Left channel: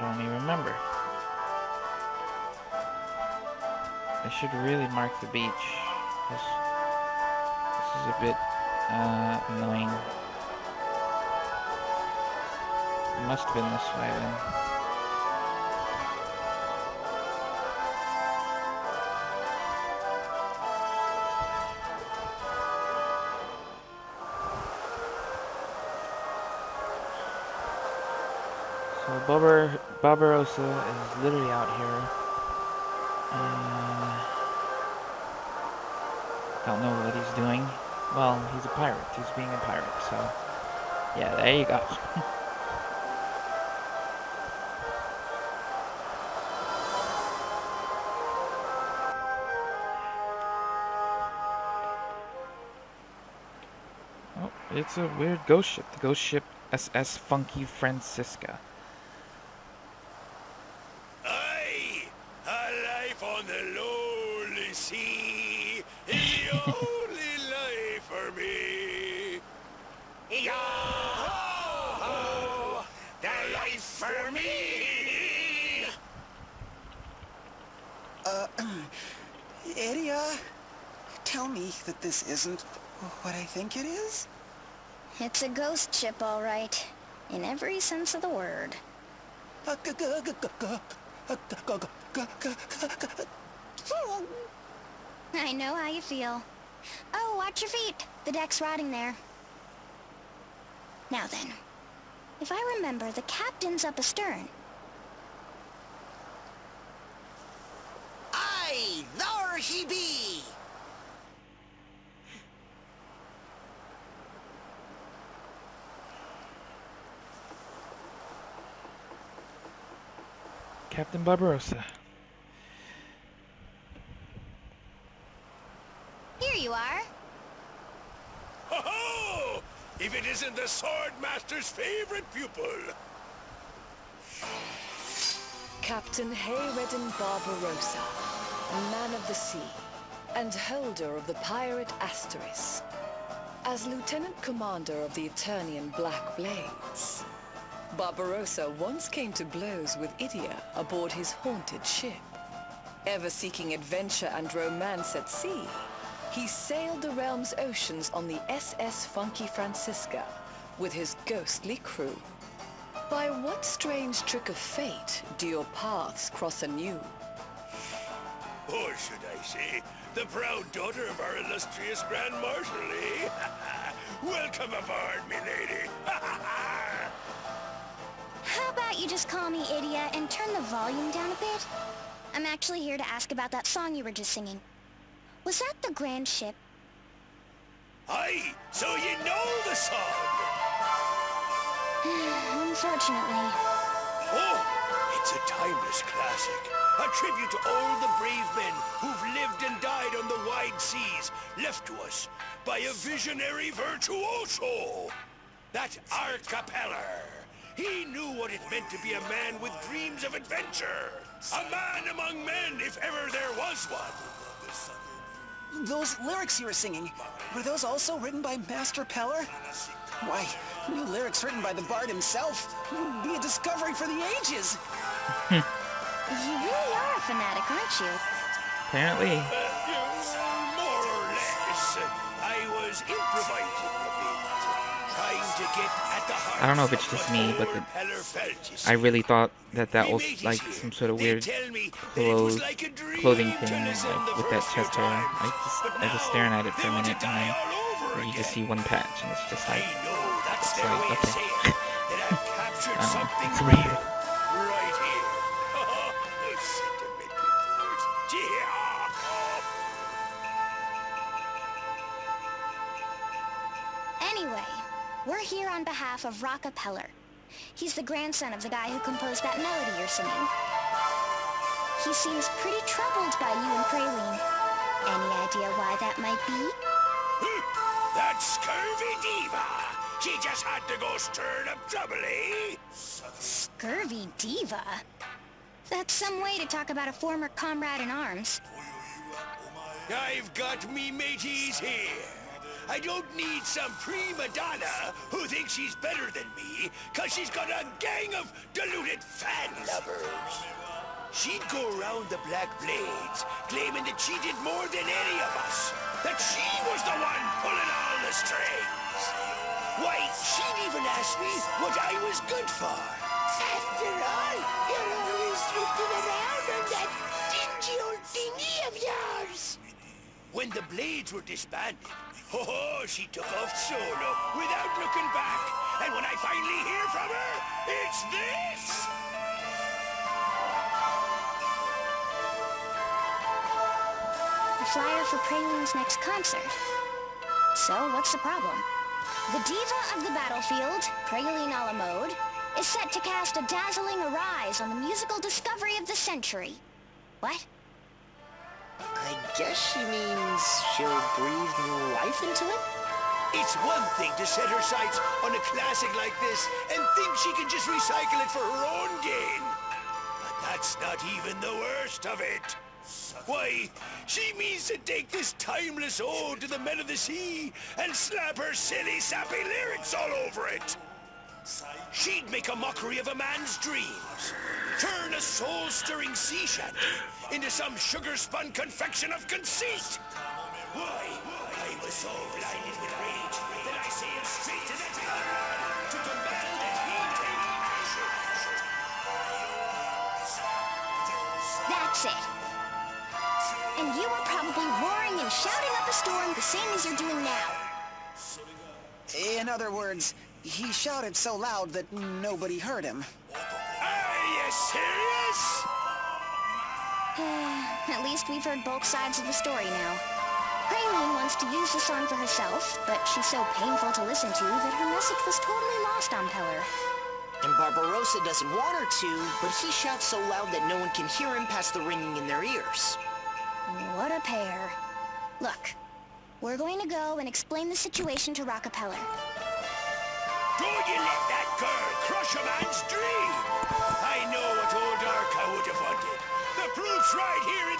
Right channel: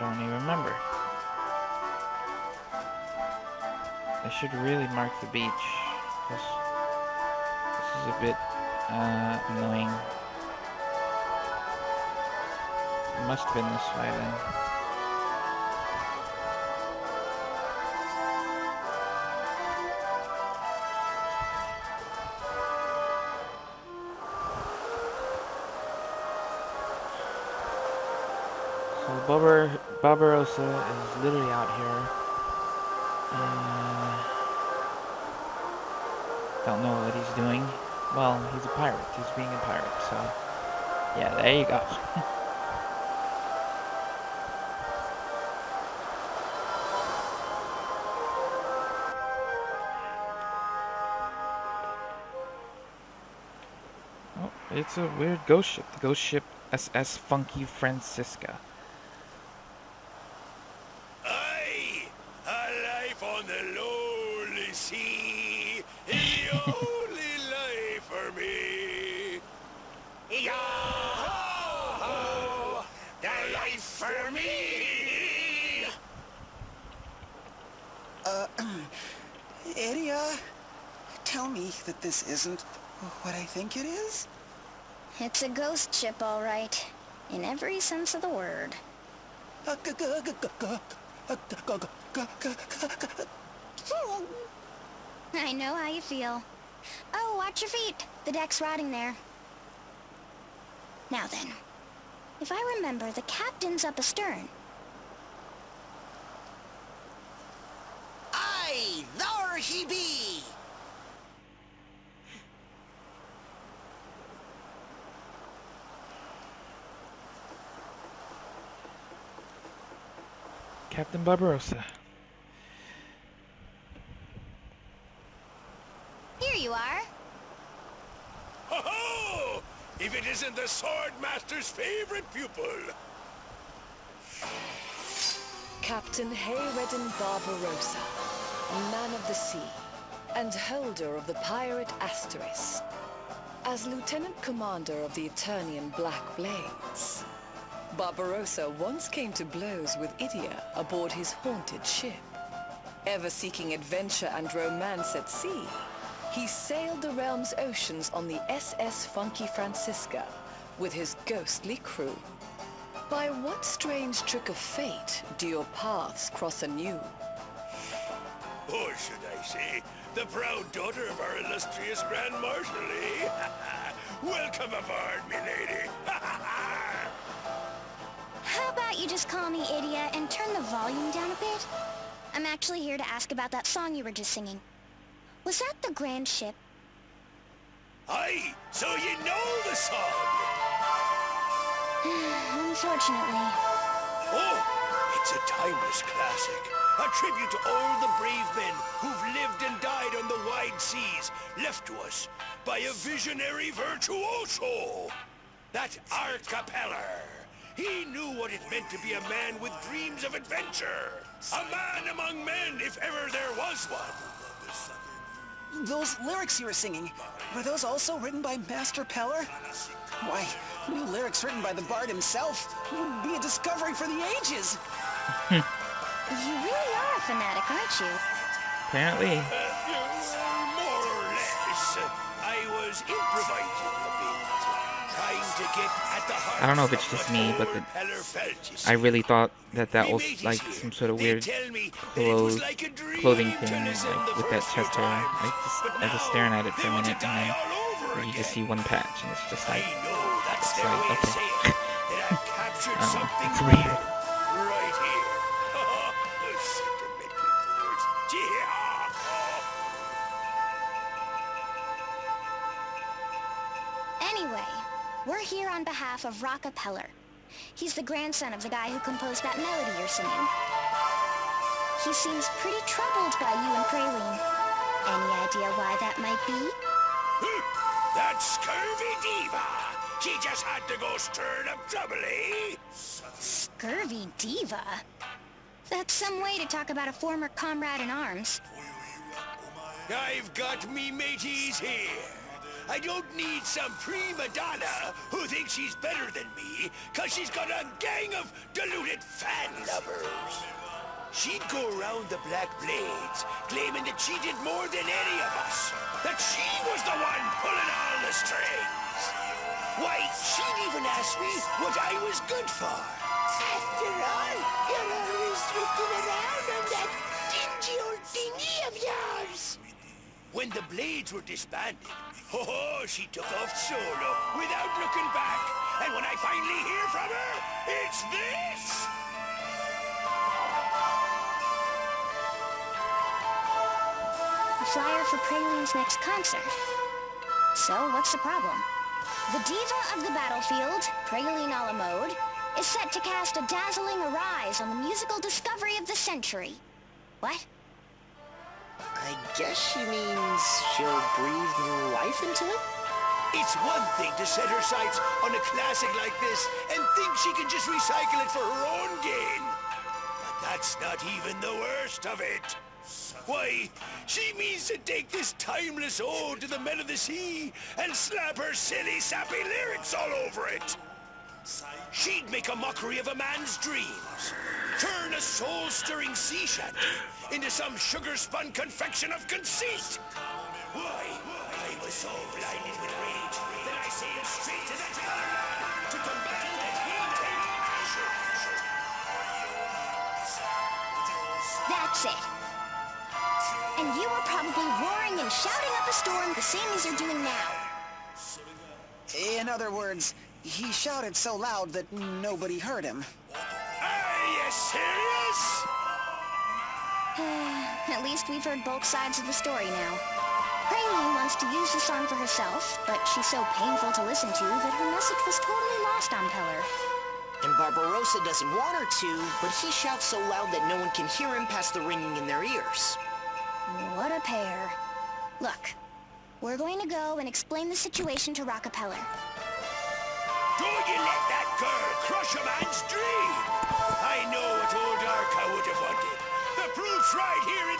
don't even remember. I should really mark the beach, because this is a bit annoying. It must have been this way then. So Barbarossa is literally out here. Don't know what he's doing. Well, he's a pirate. He's being a pirate, so yeah, there you go. Oh, it's a weird ghost ship. The ghost ship SS Funky Francisca. Aye, a life on the lonely sea is the only life for me. Yo-ho-ho, the life for me. Idia, tell me that this isn't what I think it is? It's a ghost ship, all right. In every sense of the word. I know how you feel. Oh, watch your feet. The deck's rotting there. Now then, if I remember, the captain's up astern. Aye, there he be! Captain Barbarossa. Here you are. Ho-ho! If it isn't the Sword Master's favorite pupil. Captain Hayredden Barbarossa, man of the sea, and holder of the pirate Asteris. As Lieutenant Commander of the Eternian Black Blades, Barbarossa once came to blows with Idia aboard his haunted ship. Ever seeking adventure and romance at sea, he sailed the realm's oceans on the SS Funky Francisca with his ghostly crew. By what strange trick of fate do your paths cross anew? Or should I say, the proud daughter of our illustrious Grand Marshal, eh? Welcome aboard, milady. How about you just call me Idia and turn the volume down a bit? I'm actually here to ask about that song you were just singing. Was that the Grand Ship? Aye, so you know the song. Unfortunately. Oh, it's a timeless classic. A tribute to all the brave men who've lived and died on the wide seas, left to us by a visionary virtuoso. That archipeller. He knew what it meant to be a man with dreams of adventure. A man among men, if ever there was one. Those lyrics you were singing, were those also written by Master Peller? Why, new lyrics written by the bard himself would be a discovery for the ages. You really are a fanatic, aren't you? Apparently. Well, more or less. I was improvising a bit, trying to get at the heart. I don't know if it's just me, but I really thought that was like some sort of weird clothing thing, like with that chest hair. I was staring at it for a minute, and then you just see one patch, and it's just like, okay. I don't know, it's weird. Right here. The sentimental boards. Yeah. Anyway, we're here on behalf of Rocka Peller. He's the grandson of the guy who composed that melody you're singing. He seems pretty troubled by you and Praline. Any idea why that might be? That scurvy diva! She just had to go stirring up trouble, eh? Scurvy diva? That's some way to talk about a former comrade in arms. I've got me mateys here. I don't need some prima donna who thinks she's better than me, cause she's got a gang of deluded fan lovers. She'd go around the Black Blades, claiming that she did more than any of us. That she was the one pulling all the strings. Why, she'd even ask me what I was good for. After all, you're always drifting around on that dingy old thingy of yours. When the Blades were disbanded, she took off solo without looking back. And when I finally hear from her, it's this! A flyer for Praline's next concert. So, what's the problem? The diva of the battlefield, Praline a la mode, is set to cast a dazzling arise on the musical discovery of the century. What? I guess she means she'll breathe new life into it? It's one thing to set her sights on a classic like this and think she can just recycle it for her own gain. But that's not even the worst of it. Why, she means to take this timeless ode to the men of the sea and slap her silly, sappy lyrics all over it. She'd make a mockery of a man's dreams, turn a soul-stirring sea shanty into some sugar-spun confection of conceit. Why, I was so blinded with rage that I sailed straight to that other land to demand that he take action. That's it. And you were probably roaring and shouting up a storm the same as you're doing now. In other words, he shouted so loud that nobody heard him. Are you serious? At least we've heard both sides of the story now. Praline wants to use the song for herself, but she's so painful to listen to that her message was totally lost on Peller. And Barbarossa doesn't want her to, but he shouts so loud that no one can hear him past the ringing in their ears. What a pair. Look, we're going to go and explain the situation to Rockefeller. Don't you let that girl crush a man's dream! I know what old Arca would have wanted. The proof's right here in...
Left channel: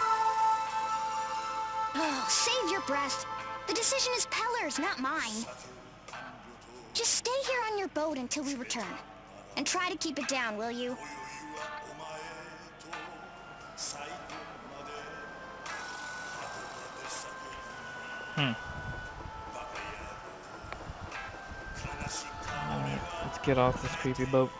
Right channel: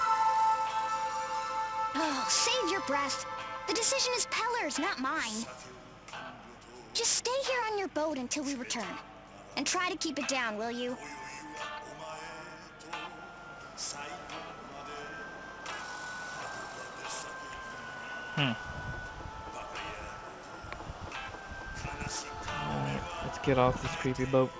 Oh, save your breath. The decision is Peller's, not mine. Just stay here on your boat until we return. And try to keep it down, will you? Alright, let's get off this creepy boat.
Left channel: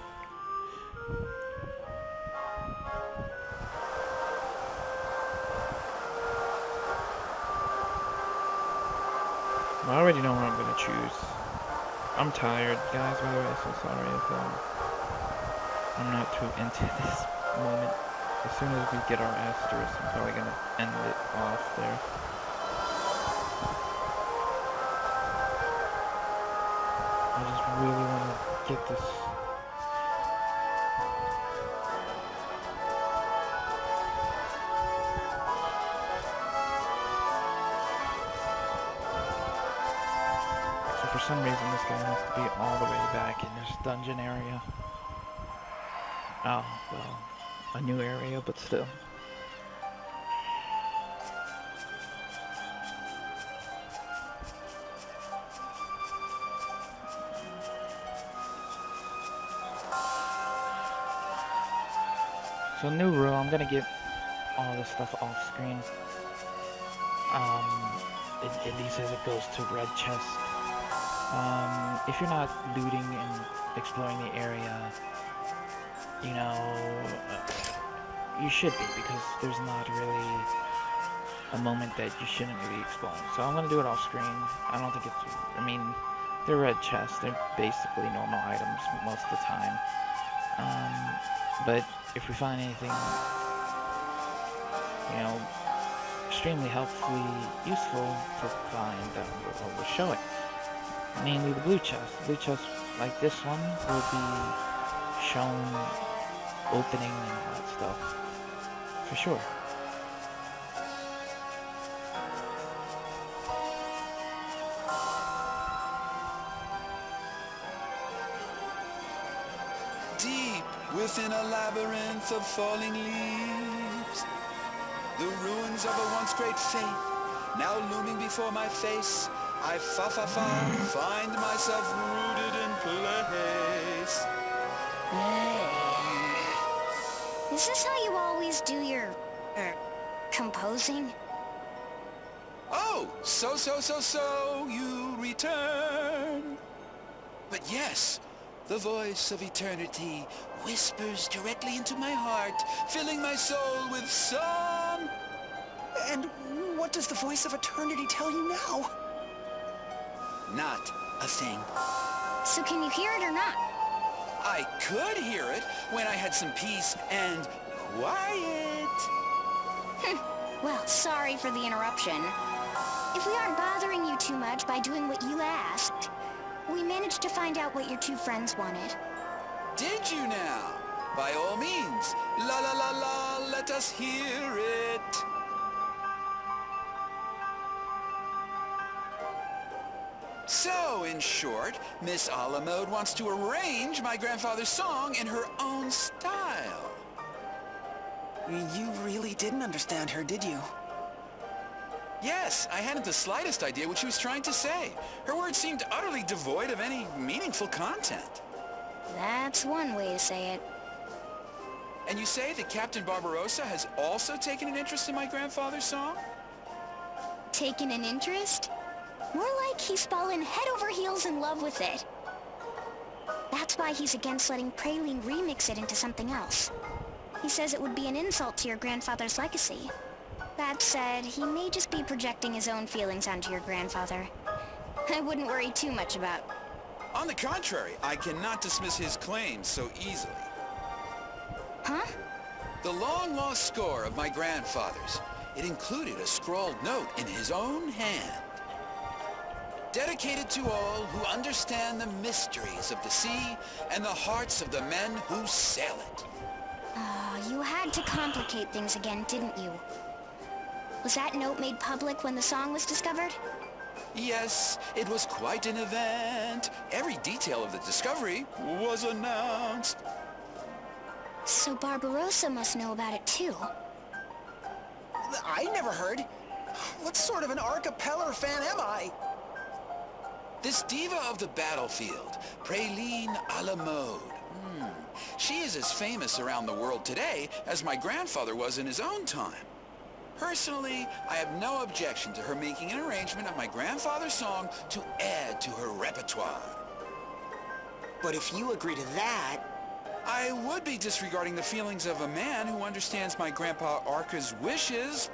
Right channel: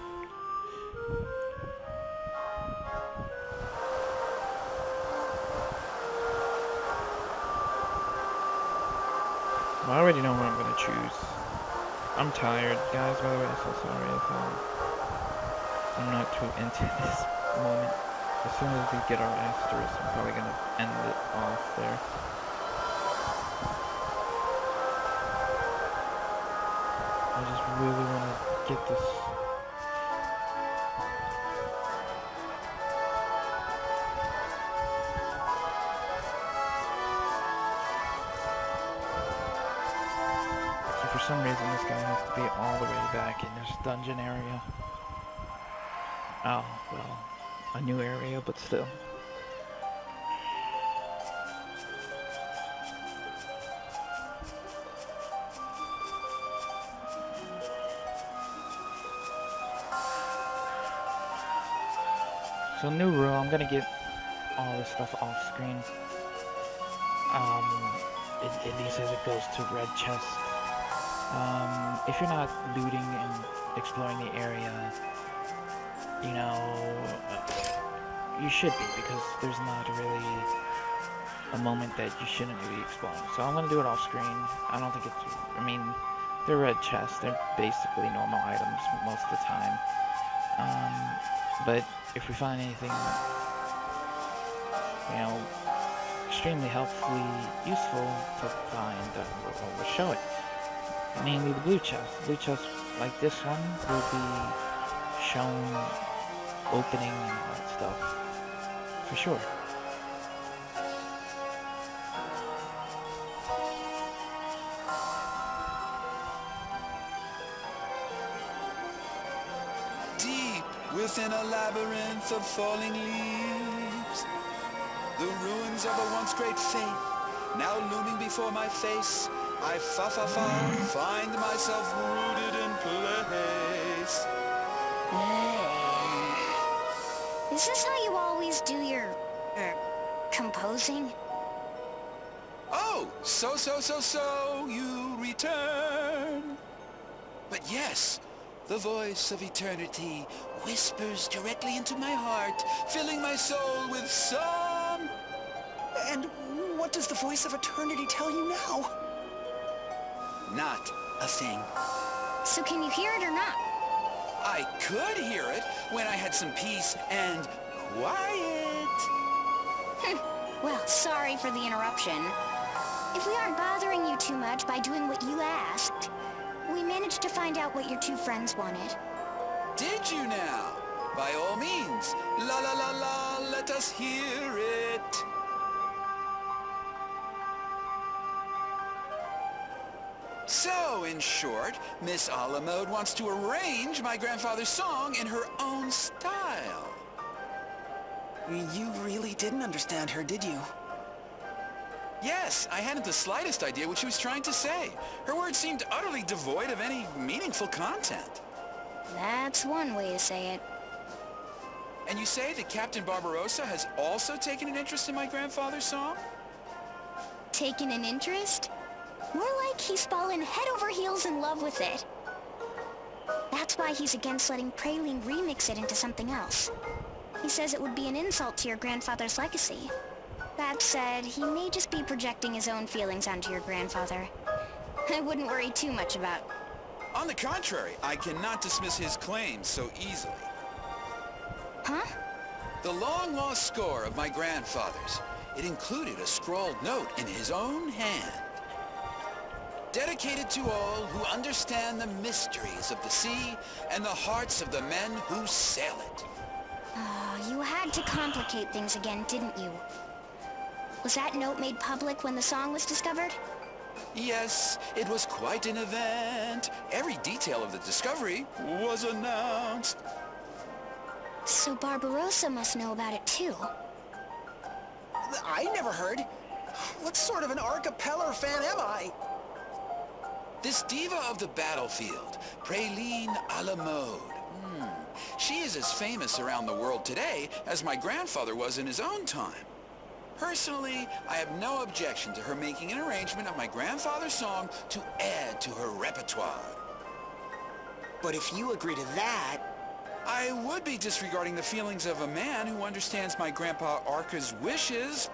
Well, I already know what I'm gonna choose. I'm tired, guys, by the way, so sorry if I'm not too into this moment. As soon as we get our asterisk, I'm probably gonna end it off there. I just really want to get this. So for some reason this guy has to be all the way back in this dungeon area. Oh, well, a new area, but still. So new rule, I'm gonna get all this stuff off screen. At least as it goes to red chests. If you're not looting and exploring the area, you know, you should be, because there's not really a moment that you shouldn't be exploring. So I'm gonna do it off screen. I don't think it's, I mean, they're red chests, they're basically normal items most of the time. But if we find anything, you know, extremely helpfully useful to find, we'll show it. Mainly the blue chest. Blue chest like this one will be shown opening and all that stuff, for sure. Deep within a labyrinth of falling leaves, the ruins of a once great faith now looming before my face. I find myself rooted in place. Hey. Is this how you always do your, composing? Oh, so, you return. But yes, the voice of eternity whispers directly into my heart, filling my soul with song. And what does the voice of eternity tell you now? Not a thing. So can you hear it or not? I could hear it when I had some peace and quiet. Well, sorry for the interruption. If we aren't bothering you too much by doing what you asked, we managed to find out what your two friends wanted. Did you now? By all means, la la la la, let us hear it. So, in short, Miss Alamode wants to arrange my grandfather's song in her own style. You really didn't understand her, did you? Yes, I hadn't the slightest idea what she was trying to say. Her words seemed utterly devoid of any meaningful content. That's one way to say it. And you say that Captain Barbarossa has also taken an interest in my grandfather's song? Taken an interest? More like he's fallen head over heels in love with it. That's why he's against letting Praline remix it into something else. He says it would be an insult to your grandfather's legacy. That said, he may just be projecting his own feelings onto your grandfather. I wouldn't worry too much about... On the contrary, I cannot dismiss his claims so easily. Huh? The long-lost score of my grandfather's. It included a scrawled note in his own hand. Dedicated to all who understand the mysteries of the sea and the hearts of the men who sail it. You had to complicate things again, didn't you? Was that note made public when the song was discovered? Yes, it was quite an event. Every detail of the discovery was announced. So Barbarossa must know about it too. I never heard. What sort of an archipeller fan am I? This diva of the battlefield, Praline a la mode. She is as famous around the world today as my grandfather was in his own time. Personally, I have no objection to her making an arrangement of my grandfather's song to add to her repertoire. But if you agree to that... I would be disregarding the feelings of a man who understands my Grandpa Arca's wishes